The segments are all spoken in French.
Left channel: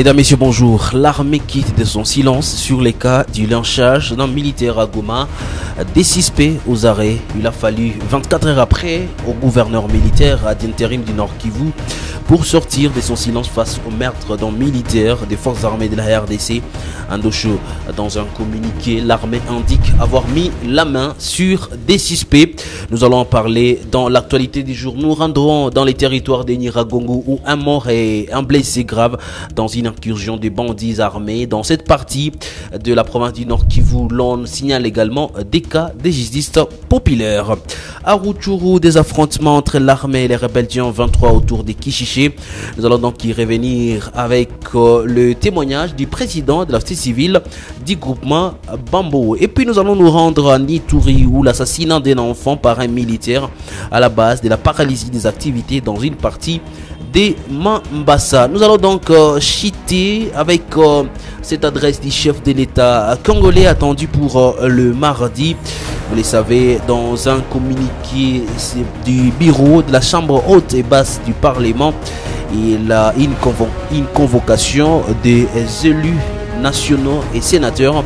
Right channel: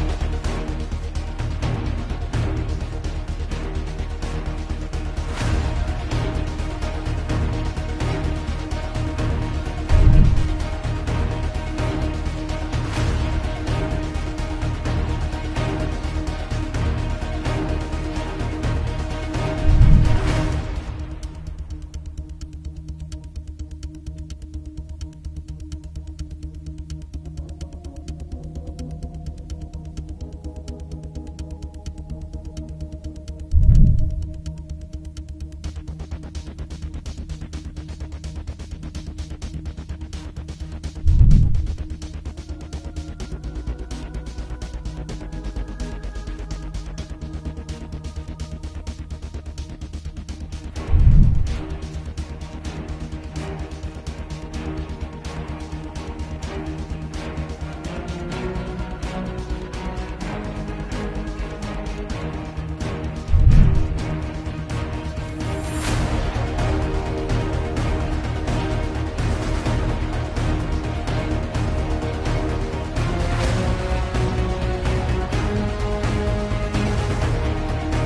Mesdames, Messieurs, bonjour. L'armée quitte de son silence sur les cas du lynchage d'un militaire à Goma. Des suspects aux arrêts. Il a fallu 24 heures après au gouverneur militaire d'intérim du Nord Kivu pour sortir de son silence face au meurtre d'un militaire des forces armées de la RDC. Andosho, dans un communiqué, l'armée indique avoir mis la main sur des suspects. Nous allons en parler dans l'actualité du jour. Nous rendrons dans les territoires de Nyiragongo où un mort et un blessé grave dans une incursion des bandits armés. Dans cette partie de la province du Nord Kivu, l'on signale également des cas de justice populaire. À Rutshuru, des affrontements entre l'armée et les rebelles du 23 autour de Kishiché. Nous allons donc y revenir avec le témoignage du président de la société civile du groupement Bambo. Et puis nous allons nous rendre à Nituri où l'assassinat d'un enfant par un militaire à la base de la paralysie des activités dans une partie des Mambasa. Nous allons donc chiter avec cette adresse du chef de l'État congolais attendu pour le mardi. Vous le savez, dans un communiqué du bureau de la Chambre haute et basse du Parlement, il a une convocation des élus nationaux et sénateurs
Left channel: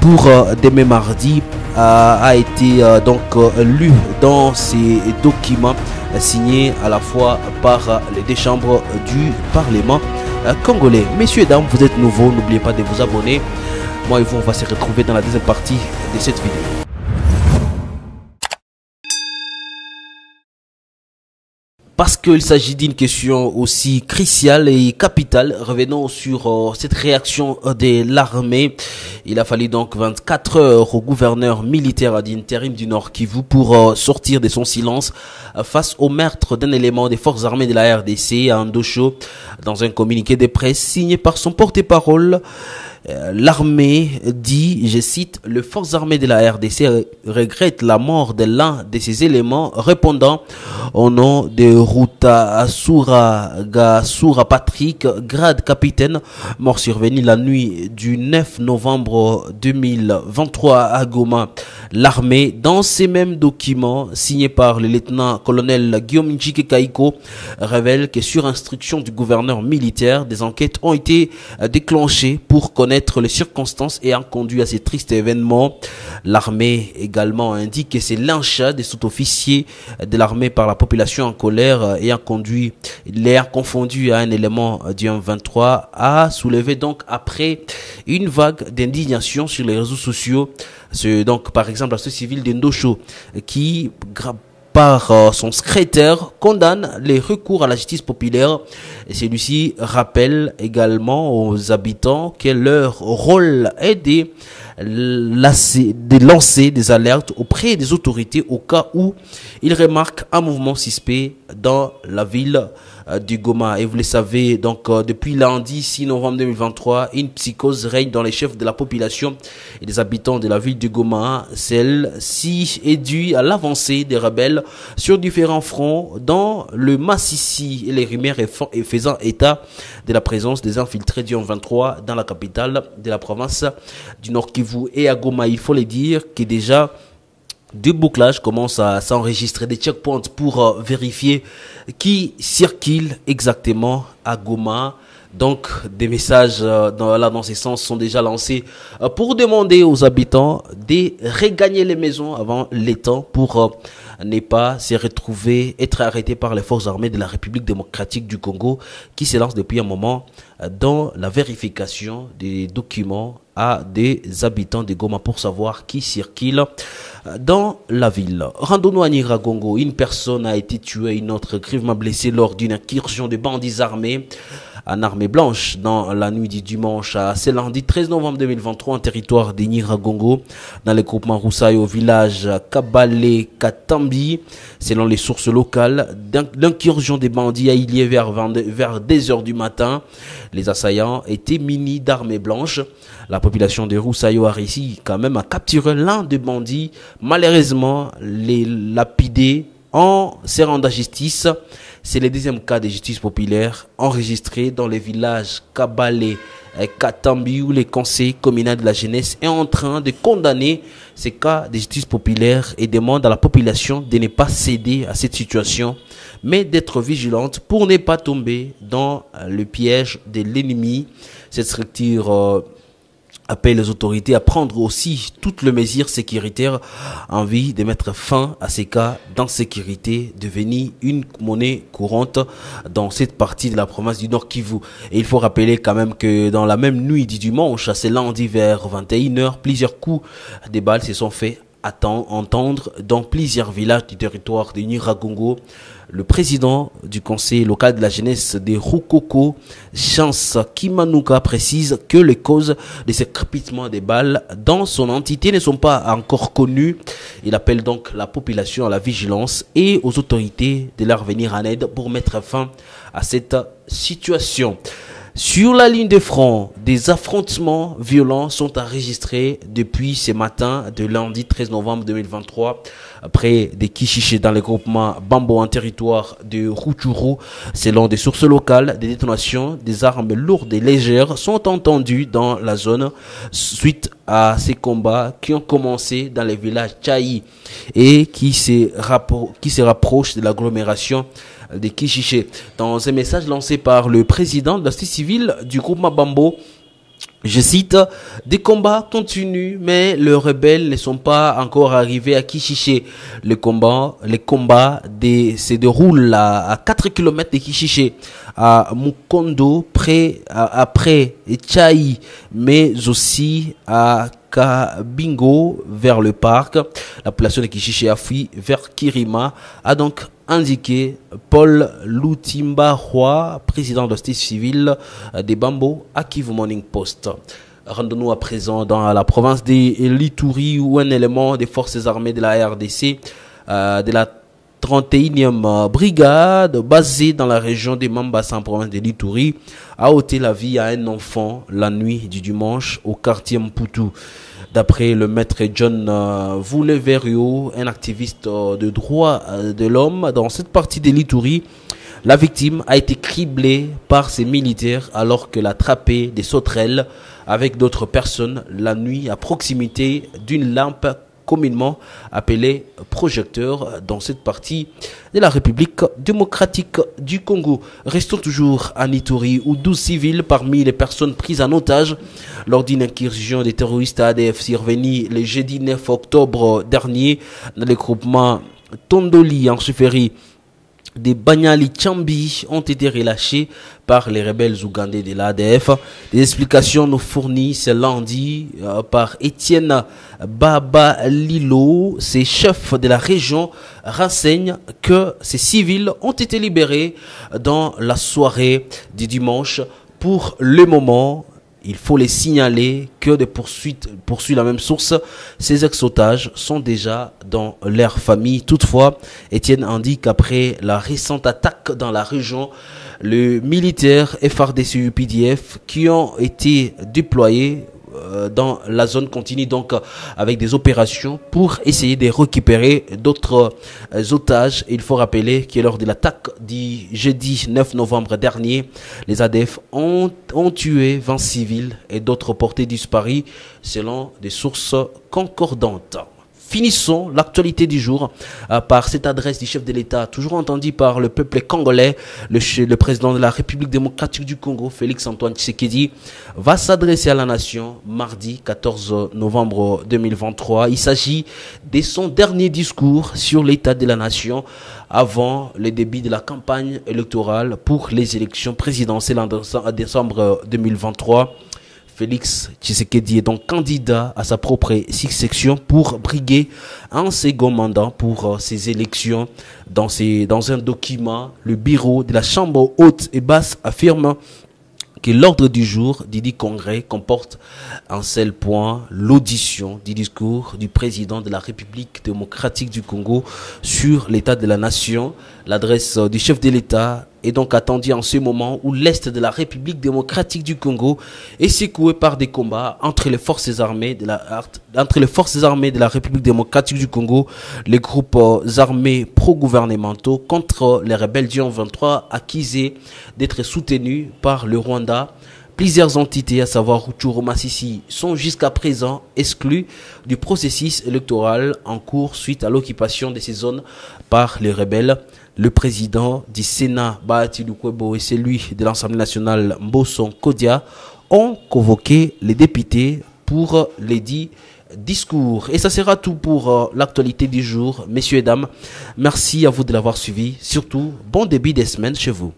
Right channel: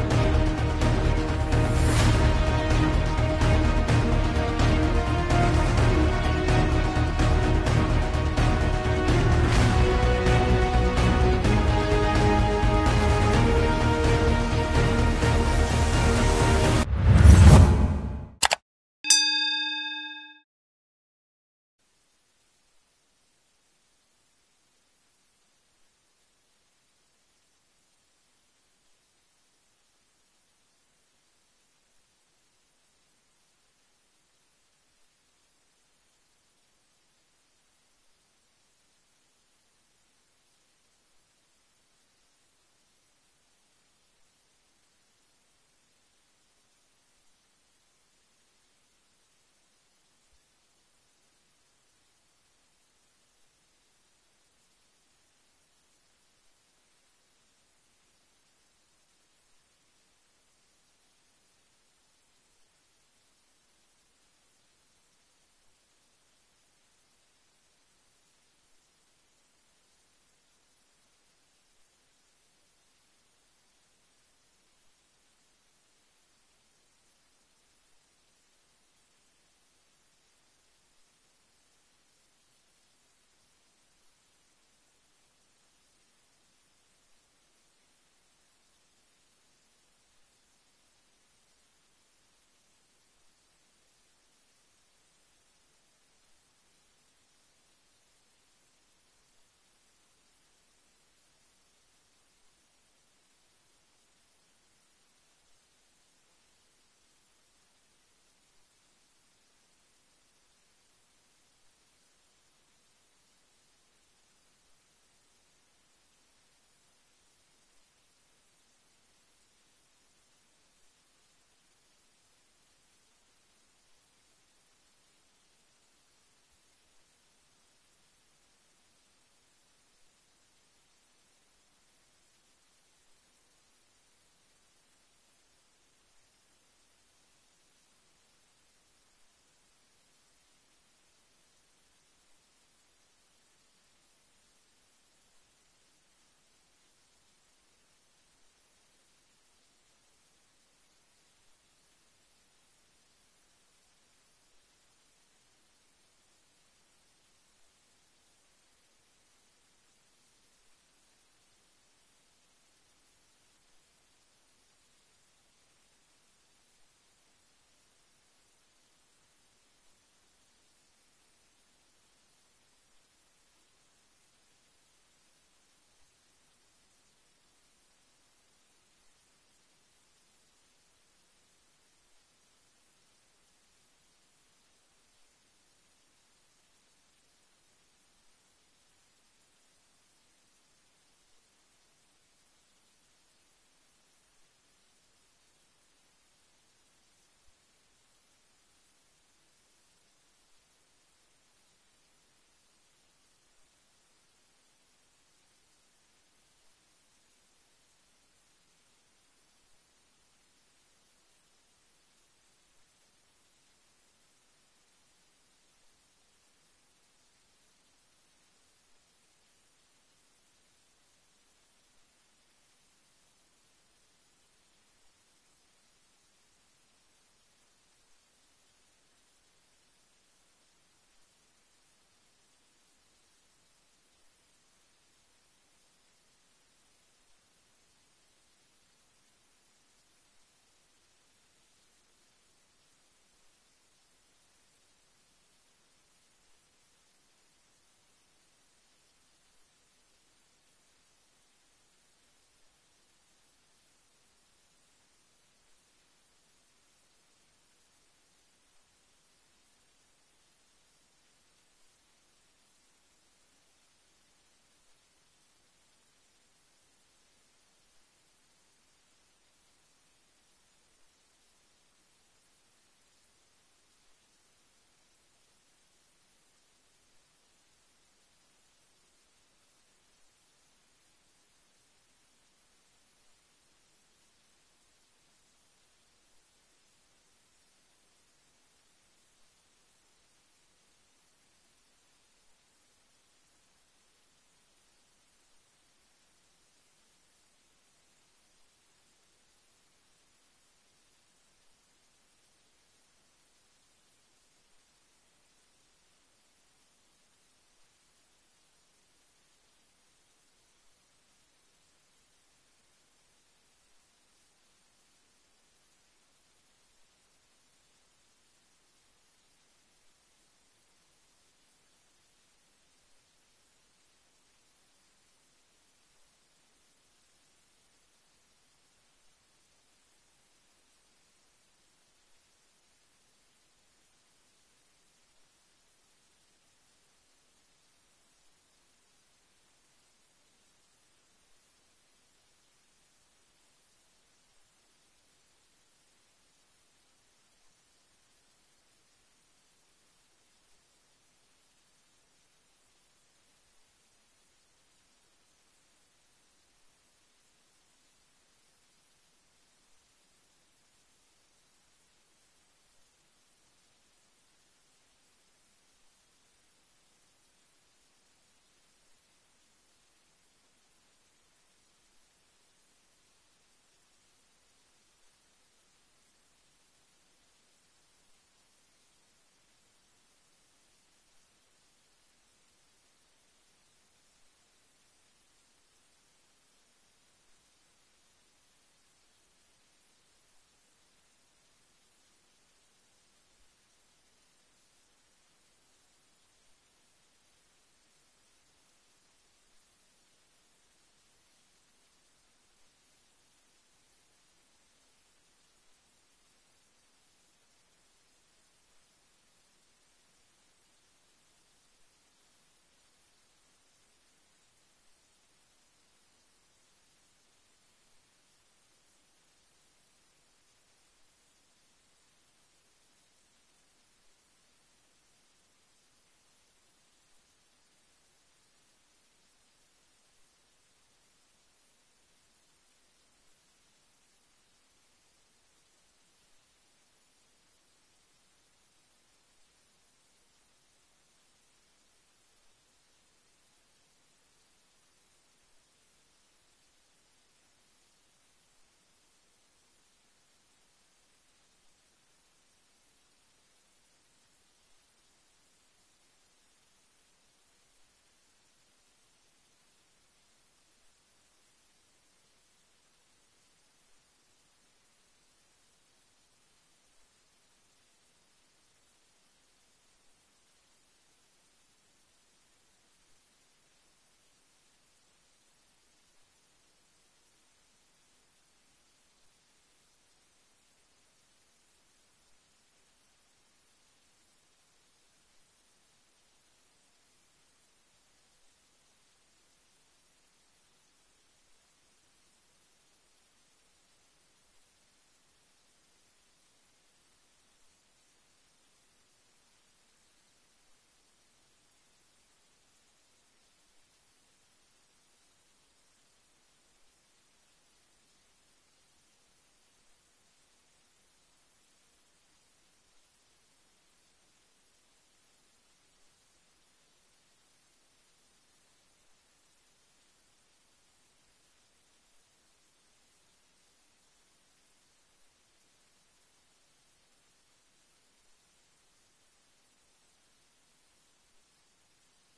pour demain mardi a été donc lu dans ces documents signés à la fois par les deux chambres du Parlement congolais. Messieurs et dames, vous êtes nouveaux, n'oubliez pas de vous abonner. Moi et vous, on va se retrouver dans la deuxième partie de cette vidéo. Parce qu'il s'agit d'une question aussi cruciale et capitale, revenons sur cette réaction de l'armée. Il a fallu donc 24 heures au gouverneur militaire d'intérim du Nord Kivu pour sortir de son silence face au meurtre d'un élément des forces armées de la RDC à Andosho. Dans un communiqué de presse signé par son porte-parole, l'armée dit, je cite, « Les forces armées de la RDC regrettent la mort de l'un de ces éléments répondant au nom de Ruta Gasura Patrick, grade capitaine, mort survenu la nuit du 9 novembre 2023 à Goma. » L'armée, dans ces mêmes documents signés par le lieutenant-colonel Guillaume Njike Kaiko, révèle que sur instruction du gouverneur militaire, des enquêtes ont été déclenchées pour connaître les circonstances ayant conduit à ces tristes événements. L'armée également indique que ces lynchades des sous-officiers de l'armée par la population en colère ayant confondu à un élément du 23 a soulevé donc après une vague d'indignation sur les réseaux sociaux. C'est donc par exemple la société civile d'Endosho qui par son secrétaire condamne les recours à la justice populaire et celui-ci rappelle également aux habitants que leur rôle est de lancer des alertes auprès des autorités au cas où ils remarquent un mouvement suspect dans la ville du Goma. Et vous le savez, donc depuis lundi 6 novembre 2023, une psychose règne dans les chefs de la population et des habitants de la ville du Goma. Celle-ci est due à l'avancée des rebelles sur différents fronts dans le Massissi et les rumeurs et faisant état de la présence des infiltrés du 23 dans la capitale de la province du Nord Kivu. Et à Goma, il faut le dire que déjà des bouclages commencent à s'enregistrer, des checkpoints pour vérifier qui circule exactement à Goma. Donc des messages dans ces sens sont déjà lancés pour demander aux habitants de regagner les maisons avant les temps pour ne pas se retrouver, être arrêtés par les forces armées de la République démocratique du Congo qui se lancent depuis un moment dans la vérification des documents à des habitants de Goma pour savoir qui circule dans la ville. Rendons-nous à Nyiragongo. Une personne a été tuée, une autre grièvement blessée lors d'une incursion de bandits armés en armée blanche dans la nuit du dimanche à ce lundi 13 novembre 2023 en territoire de Nyiragongo dans le groupement Roussaï au village Kabale Katambi. Selon les sources locales, l'incursion des bandits a eu lieu vers 2 heures du matin. Les assaillants étaient munis d'armes blanches. La population de Roussaï a réussi quand même à capturer l'un des bandits. Malheureusement, les lapidés en se rendant à justice. C'est le deuxième cas de justice populaire enregistré dans les villages Kabale Katambi, où le conseil communal de la jeunesse est en train de condamner ces cas de justice populaire et demande à la population de ne pas céder à cette situation, mais d'être vigilante pour ne pas tomber dans le piège de l'ennemi. Cette structure appelle les autorités à prendre aussi toutes les mesures sécuritaires en vue de mettre fin à ces cas d'insécurité devenus une monnaie courante dans cette partie de la province du Nord Kivu. Et il faut rappeler quand même que dans la même nuit du dimanche, c'est lundi vers 21h, plusieurs coups de balles se sont fait entendre dans plusieurs villages du territoire de Nyiragongo. Le président du conseil local de la jeunesse de Rukoko, Chance Kimanuka, précise que les causes de ces crépitements des balles dans son entité ne sont pas encore connues. Il appelle donc la population à la vigilance et aux autorités de leur venir en aide pour mettre fin à cette situation. Sur la ligne de front, des affrontements violents sont enregistrés depuis ce matin de lundi 13 novembre 2023 près de Kishiché dans le groupement Bambo en territoire de Rutshuru. Selon des sources locales, des détonations des armes lourdes et légères sont entendues dans la zone suite à ces combats qui ont commencé dans les villages Tchaï et qui se rapprochent de l'agglomération de Kishiché. Dans un message lancé par le président de la société civile du groupement Bambo, je cite, des combats continuent, mais les rebelles ne sont pas encore arrivés à Kishiché. Les combats se déroulent à 4 km de Kishiché, à Mukondo, après Tchaï, mais aussi à Kabingo, vers le parc. La population de Kishiché a fui vers Kirima, a donc indiqué Paul Lutimba Roy, président de la société civile des Bambo, à Kivu Morning Post. Rendons-nous à présent dans la province de l'Ituri, où un élément des forces armées de la RDC, de la 31e brigade, basée dans la région de Mambasa, en province de l'Ituri, a ôté la vie à un enfant la nuit du dimanche au quartier Mputu. D'après le maître John Vouleverio, un activiste de droits de l'homme dans cette partie de l'Ituri, la victime a été criblée par ces militaires alors qu'elle a attrapé des sauterelles avec d'autres personnes la nuit à proximité d'une lampe communément appelée projecteur dans cette partie de la République démocratique du Congo. Restons toujours en Ituri où 12 civils parmi les personnes prises en otage lors d'une incursion des terroristes ADF survenue le jeudi 9 octobre dernier dans le groupement Tondoli en Souferi des Banyali Chambi ont été relâchés par les rebelles ougandais de l'ADF. Des explications nous fournissent ce lundi par Étienne Baba Lilo, ces chefs de la région, renseignent que ces civils ont été libérés dans la soirée du dimanche. Pour le moment, il faut les signaler que des poursuit la même source. Ces ex-otages sont déjà dans leur famille. Toutefois, Étienne indique qu'après la récente attaque dans la région, les militaires FARDC-UPDF qui ont été déployés dans la zone continue donc avec des opérations pour essayer de récupérer d'autres otages. Il faut rappeler que lors de l'attaque du jeudi 9 novembre dernier, les ADF ont tué 20 civils et d'autres portés disparus selon des sources concordantes. Finissons l'actualité du jour par cette adresse du chef de l'État, toujours entendue par le peuple congolais. Le président de la République démocratique du Congo, Félix Antoine Tshisekedi, va s'adresser à la nation mardi 14 novembre 2023. Il s'agit de son dernier discours sur l'état de la nation avant le début de la campagne électorale pour les élections présidentielles en décembre 2023. Félix Tshisekedi est donc candidat à sa propre succession pour briguer un second mandat pour ces élections. Dans un document, le bureau de la Chambre haute et basse affirme que l'ordre du jour du congrès comporte un seul point, l'audition du discours du président de la République démocratique du Congo sur l'état de la nation. L'adresse du chef de l'État est donc attendue en ce moment où l'Est de la République démocratique du Congo est secoué par des combats entre les forces armées de la République démocratique du Congo, les groupes armés pro-gouvernementaux contre les rebelles du M23 accusés d'être soutenus par le Rwanda. Plusieurs entités, à savoir Rutshuru Masisi, sont jusqu'à présent exclues du processus électoral en cours suite à l'occupation de ces zones par les rebelles. Le président du Sénat, Bahati Lukwebo, et celui de l'Assemblée nationale, Mboson Kodia, ont convoqué les députés pour les dits discours. Et ça sera tout pour l'actualité du jour. Messieurs et dames, merci à vous de l'avoir suivi. Surtout, bon début des semaines chez vous.